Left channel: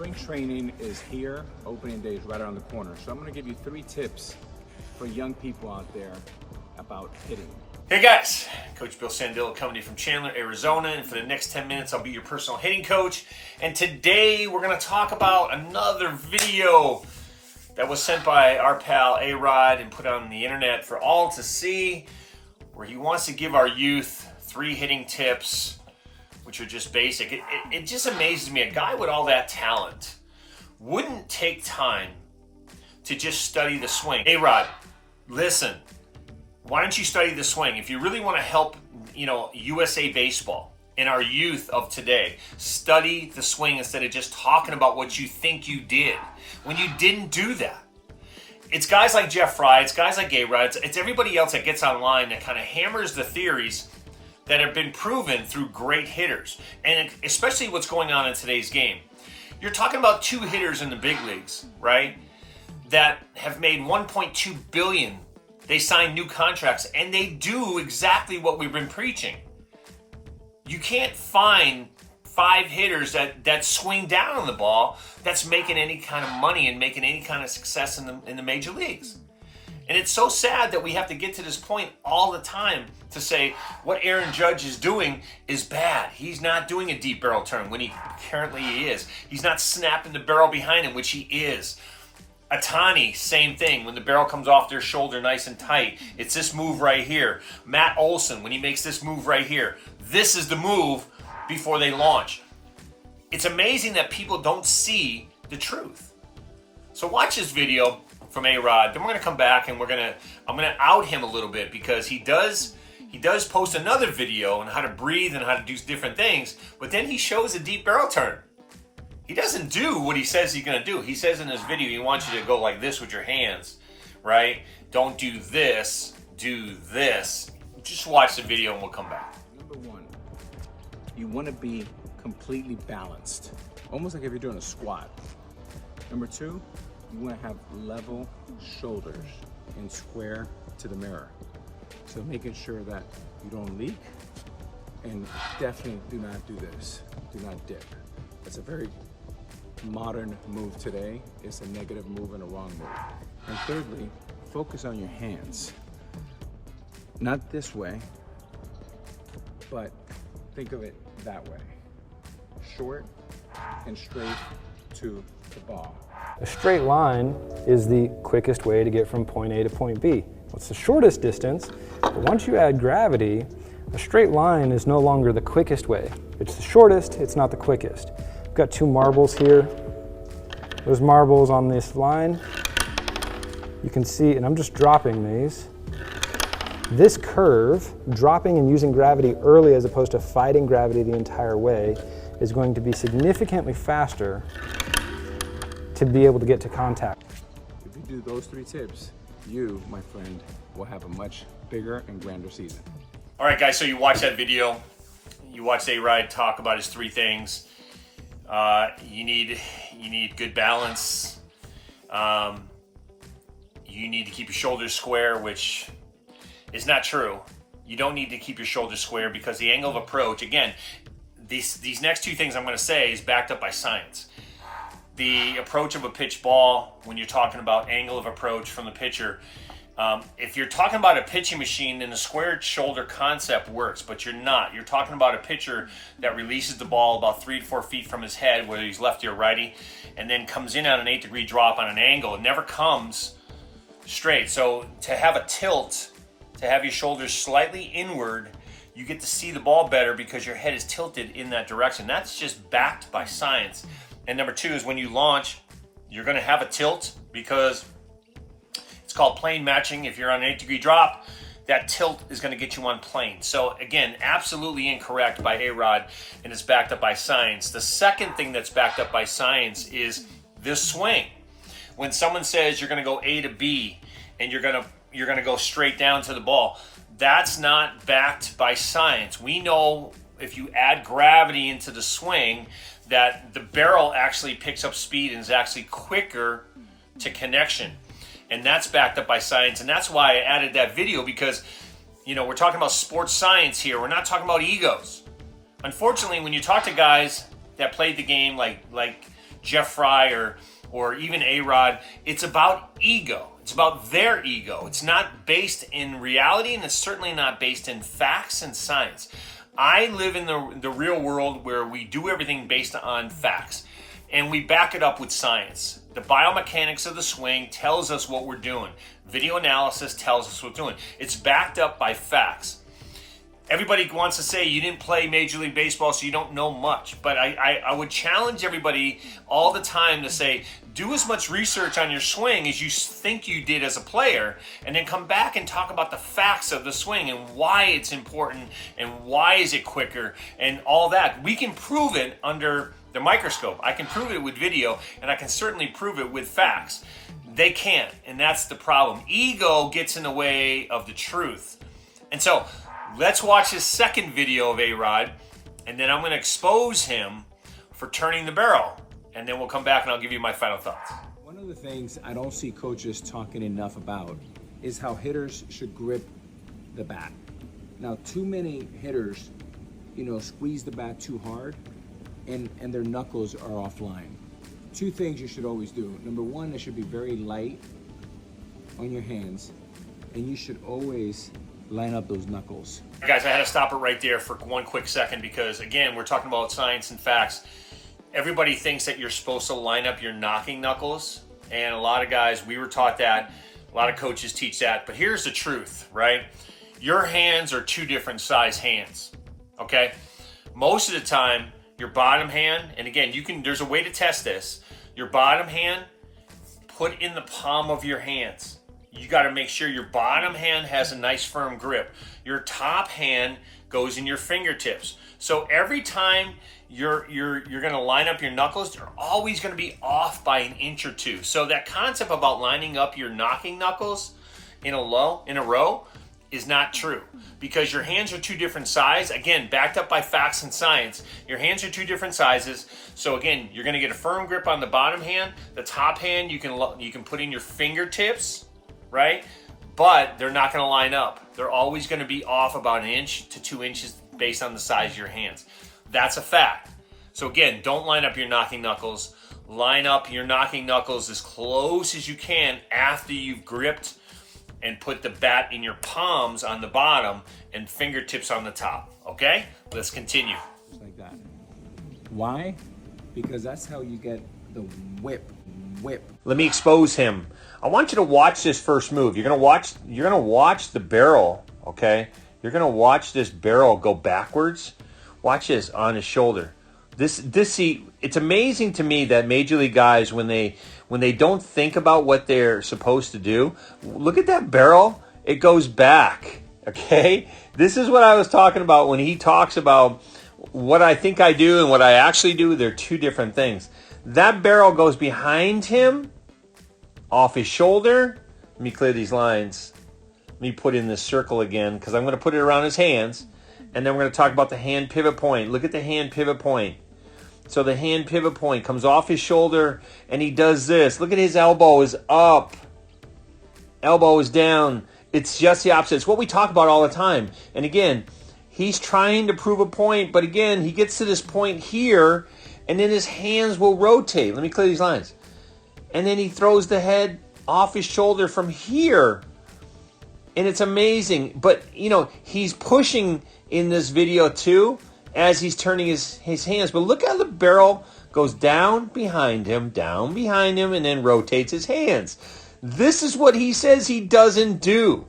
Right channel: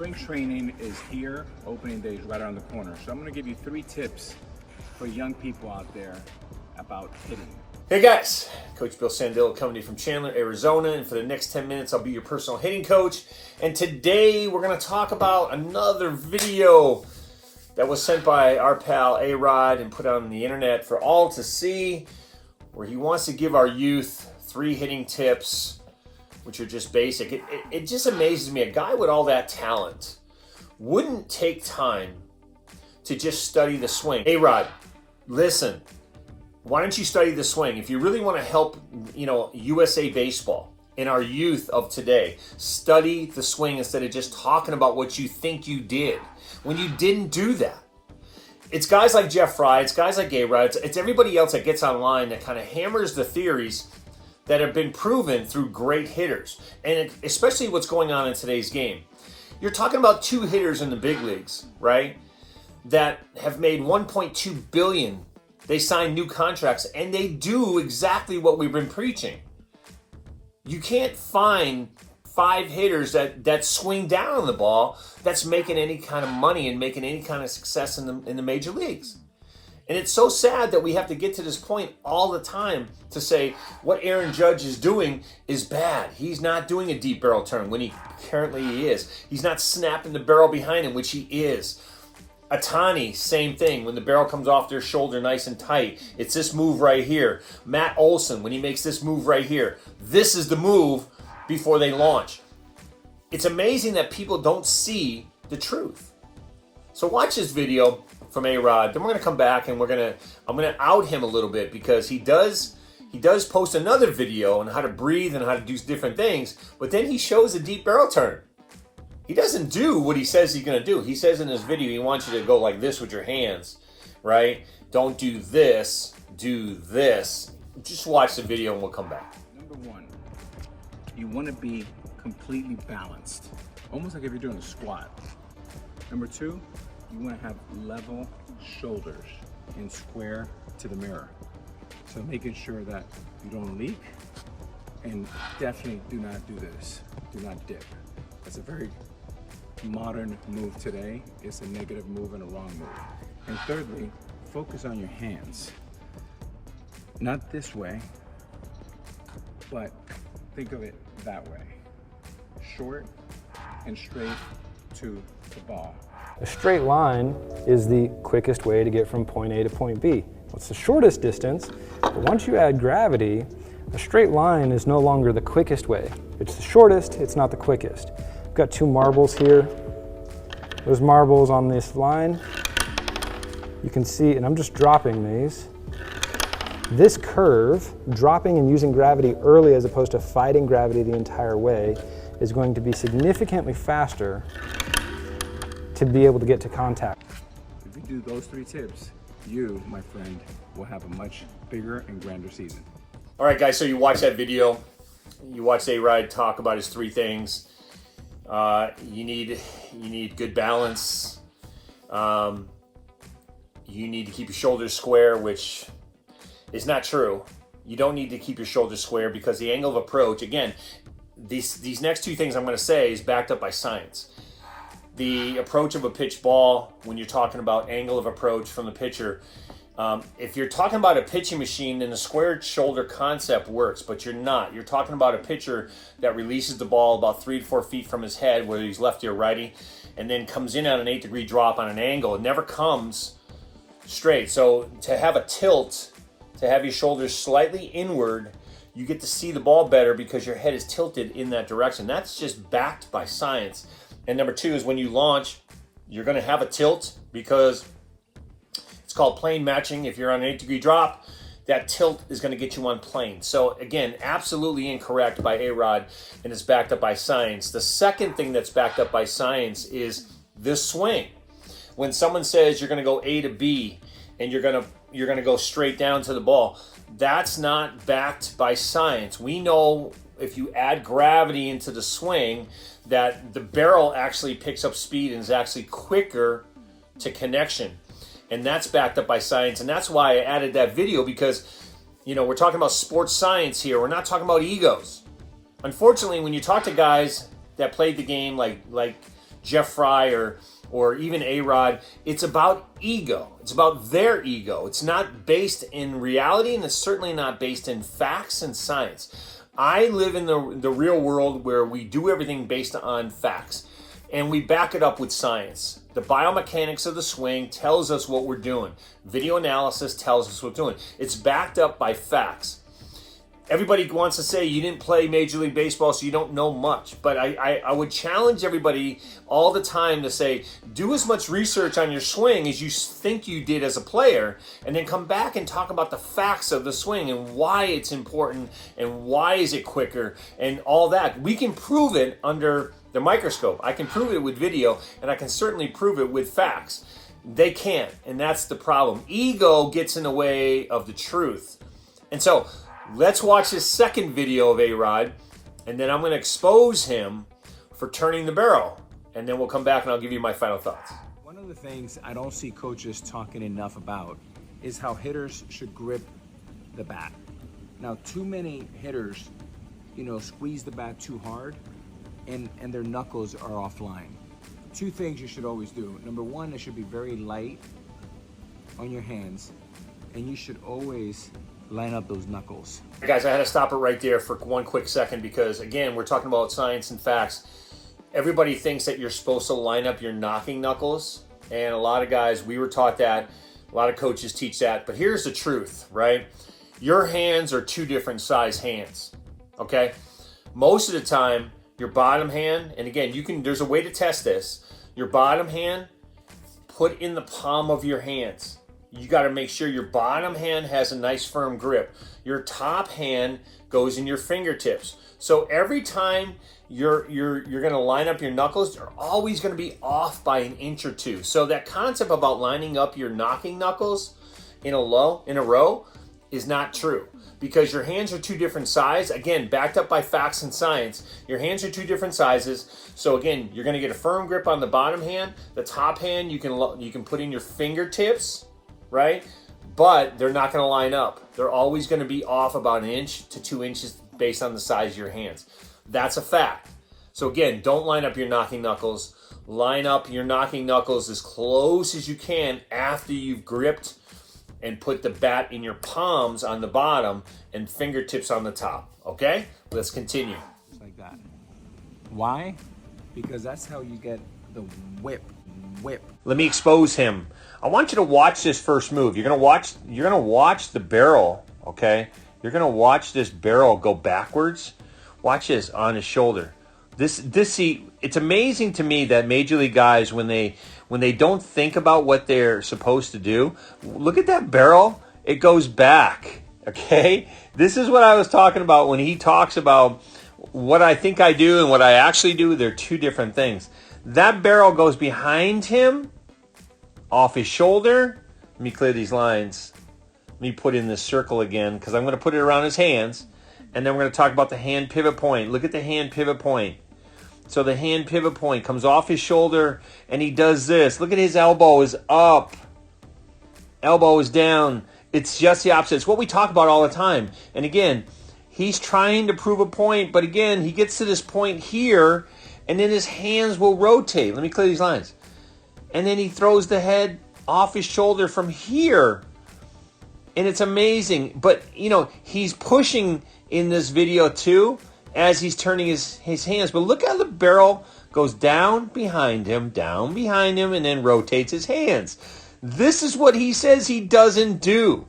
Spring training is here. Opening day is right around the corner. So I'm going to give you 3 tips for young people out there about hitting. Hey guys, Coach Bill Sandillo coming to you from Chandler, Arizona, and for the next 10 minutes I'll be your personal hitting coach. And today we're going to talk about another video that was sent by our pal A-Rod and put on the internet for all to see, where he wants to give our youth 3 hitting tips, which are just basic. It just amazes me. A guy with all that talent wouldn't take time to just study the swing. A-Rod, listen. Why don't you study the swing? If you really want to help, USA baseball and our youth of today, study the swing instead of just talking about what you think you did when you didn't do that. It's guys like Jeff Fry, it's guys like A-Rod, it's everybody else that gets online that kind of hammers the theories that have been proven through great hitters. And especially what's going on in today's game. You're talking about 2 hitters in the big leagues, right? That have made $1.2 billion. They sign new contracts, and they do exactly what we've been preaching. You can't find 5 hitters that swing down on the ball that's making any kind of money and making any kind of success in the major leagues. And it's so sad that we have to get to this point all the time to say what Aaron Judge is doing is bad. He's not doing a deep barrel turn when he currently is. He's not snapping the barrel behind him, which he is. Ohtani, same thing. When the barrel comes off their shoulder nice and tight, it's this move right here. Matt Olson, when he makes this move right here, this is the move before they launch. It's amazing that people don't see the truth. So watch this video from A-Rod. Then we're going to come back and I'm going to out him a little bit because he does post another video on how to breathe and how to do different things, but then he shows a deep barrel turn. He doesn't do what he says he's going to do. He says in this video, he wants you to go like this with your hands, right? Don't do this, do this. Just watch the video and we'll come back. Number 1, you want to be completely balanced, almost like if you're doing a squat. Number 2, you want to have level shoulders and square to the mirror. So making sure that you don't leak, and definitely do not do this. Do not dip. That's a very modern move today. It's a negative move and a wrong move. And thirdly, focus on your hands. Not this way, but think of it that way. Short and straight to the ball. A straight line is the quickest way to get from point A to point B. It's the shortest distance, but once you add gravity, a straight line is no longer the quickest way. It's the shortest, it's not the quickest. I've got 2 marbles here. Those marbles on this line, you can see, and I'm just dropping these. This curve, dropping and using gravity early as opposed to fighting gravity the entire way, is going to be significantly faster to be able to get to contact. If you do those 3 tips, you, my friend, will have a much bigger and grander season. All right, guys, so you watch that video. You watched A-Rod talk about his 3 things. You need good balance. You need to keep your shoulders square, which is not true. You don't need to keep your shoulders square because the angle of approach, again, these next 2 things I'm going to say is backed up by science. The approach of a pitch ball, when you're talking about angle of approach from the pitcher, if you're talking about a pitching machine, then the squared shoulder concept works, but you're not. You're talking about a pitcher that releases the ball about 3 to 4 feet from his head, whether he's lefty or righty, and then comes in on an 8-degree drop on an angle. It never comes straight. So to have a tilt, to have your shoulders slightly inward, you get to see the ball better because your head is tilted in that direction. That's just backed by science. And number 2 is when you launch, you're going to have a tilt because it's called plane matching. If you're on an 8-degree drop, that tilt is going to get you on plane. So again, absolutely incorrect by A-Rod, and it's backed up by science. The second thing that's backed up by science is this swing. When someone says you're going to go A to B and you're going to go straight down to the ball, that's not backed by science. We know if you add gravity into the swing that the barrel actually picks up speed and is actually quicker to connection. And that's backed up by science. And that's why I added that video because, we're talking about sports science here. We're not talking about egos. Unfortunately, when you talk to guys that played the game like Jeff Fry or even A-Rod. It's about ego. It's about their ego. It's not based in reality, and it's certainly not based in facts and science. I live in the real world where we do everything based on facts, and we back it up with science. The biomechanics of the swing tells us what we're doing. Video analysis tells us what we're doing. It's backed up by facts. Everybody wants to say you didn't play Major League Baseball, so you don't know much. But I would challenge everybody all the time to say, do as much research on your swing as you think you did as a player, and then come back and talk about the facts of the swing and why it's important and why is it quicker and all that. We can prove it under the microscope. I can prove it with video, and I can certainly prove it with facts. They can't, and that's the problem. Ego gets in the way of the truth. And so, let's watch his second video of A-Rod, and then I'm going to expose him for turning the barrel. And then we'll come back and I'll give you my final thoughts. One of the things I don't see coaches talking enough about is how hitters should grip the bat. Now, too many hitters, squeeze the bat too hard and their knuckles are offline. Two things you should always do. Number one, it should be very light on your hands, and you should always line up those knuckles. Guys, I had to stop it right there for one quick second because, again, we're talking about science and facts. Everybody thinks that you're supposed to line up your knocking knuckles, and a lot of guys, we were taught that. A lot of coaches teach that, but here's the truth, right? Your hands are two different size hands, okay? Most of the time, your bottom hand, and again, there's a way to test this. Your bottom hand, put in the palm of your hands. You got to make sure your bottom hand has a nice firm grip. Your top hand goes in your fingertips. So every time you're going to line up your knuckles, they're always going to be off by an inch or two. So that concept about lining up your knocking knuckles in a row is not true, because your hands are two different sizes. Again, backed up by facts and science. Your hands are two different sizes. So again, you're going to get a firm grip on the bottom hand. The top hand you can put in your fingertips, right? But they're not going to line up. They're always going to be off about 1 inch to 2 inches based on the size of your hands. That's a fact. So again, don't line up your knocking knuckles. Line up your knocking knuckles as close as you can after you've gripped and put the bat in your palms on the bottom and fingertips on the top. Okay? Let's continue. Just like that. Why? Because that's how you get the whip. Let me expose him. I want you to watch this first move. You're gonna watch the barrel, okay? You're gonna watch this barrel go backwards. Watch this on his shoulder. See, it's amazing to me that Major League guys, when they don't think about what they're supposed to do, look at that barrel. It goes back, okay? This is what I was talking about when he talks about what I think I do and what I actually do. They're two different things. That barrel goes behind him, off his shoulder. Let me clear these lines. Let me put in this circle again, because I'm going to put it around his hands. And then we're going to talk about the hand pivot point. Look at the hand pivot point. So the hand pivot point comes off his shoulder, and he does this. Look at his elbow is up. Elbow is down. It's just the opposite. It's what we talk about all the time. And again, he's trying to prove a point, but again, he gets to this point here, and then his hands will rotate. Let me clear these lines. And then he throws the head off his shoulder from here. And it's amazing. But, he's pushing in this video too as he's turning his hands. But look how the barrel goes down behind him, and then rotates his hands. This is what he says he doesn't do.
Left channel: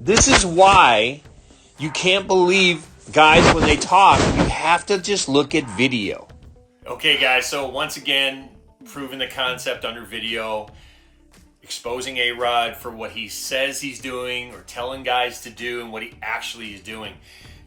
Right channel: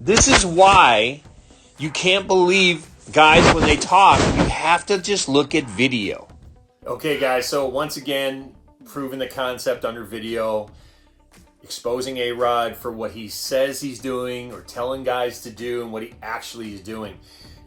This is why you can't believe guys when they talk. You have to just look at video. Okay, guys, so once again, proving the concept under video, exposing A-Rod for what he says he's doing or telling guys to do and what he actually is doing.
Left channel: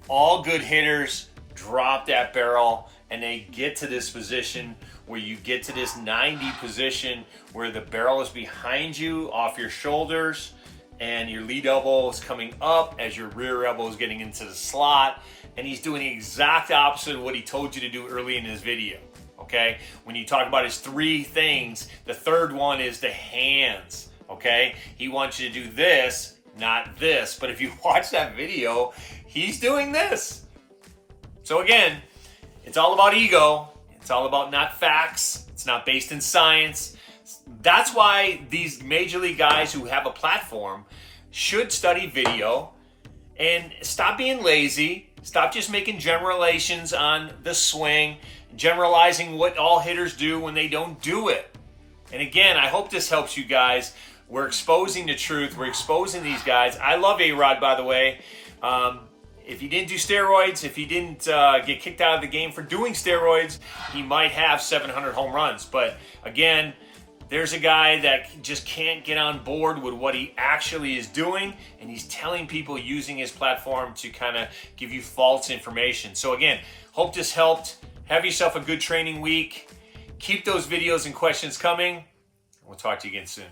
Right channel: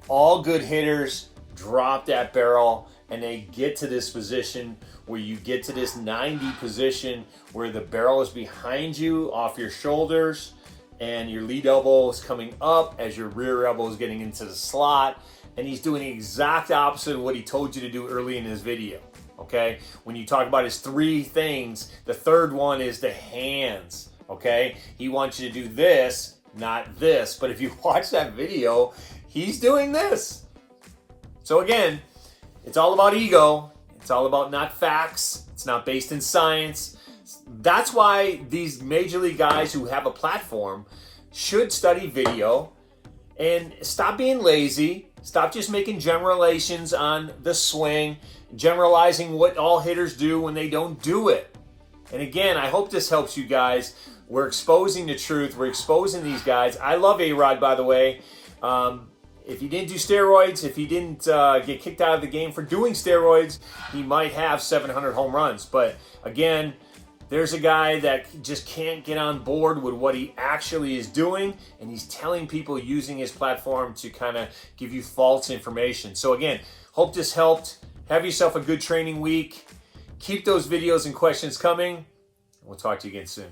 All good hitters drop that barrel and they get to this position where you get to this 90 position where the barrel is behind you off your shoulders and your lead elbow is coming up as your rear elbow is getting into the slot. And he's doing the exact opposite of what he told you to do early in his video. Okay, when you talk about his 3 things, the third one is the hands. Okay, he wants you to do this, not this. But if you watch that video, he's doing this. So again, it's all about ego. It's all about not facts. It's not based in science. That's why these major league guys who have a platform should study video and stop being lazy. Stop just making generalizations on the swing, generalizing what all hitters do when they don't do it. And again, I hope this helps you guys. We're exposing the truth. We're exposing these guys. I love A-Rod, by the way. If he didn't do steroids, if he didn't get kicked out of the game for doing steroids, he might have 700 home runs. But again, there's a guy that just can't get on board with what he actually is doing, and he's telling people using his platform to kind of give you false information. So again, hope this helped. Have yourself a good training week. Keep those videos and questions coming. We'll talk to you again soon.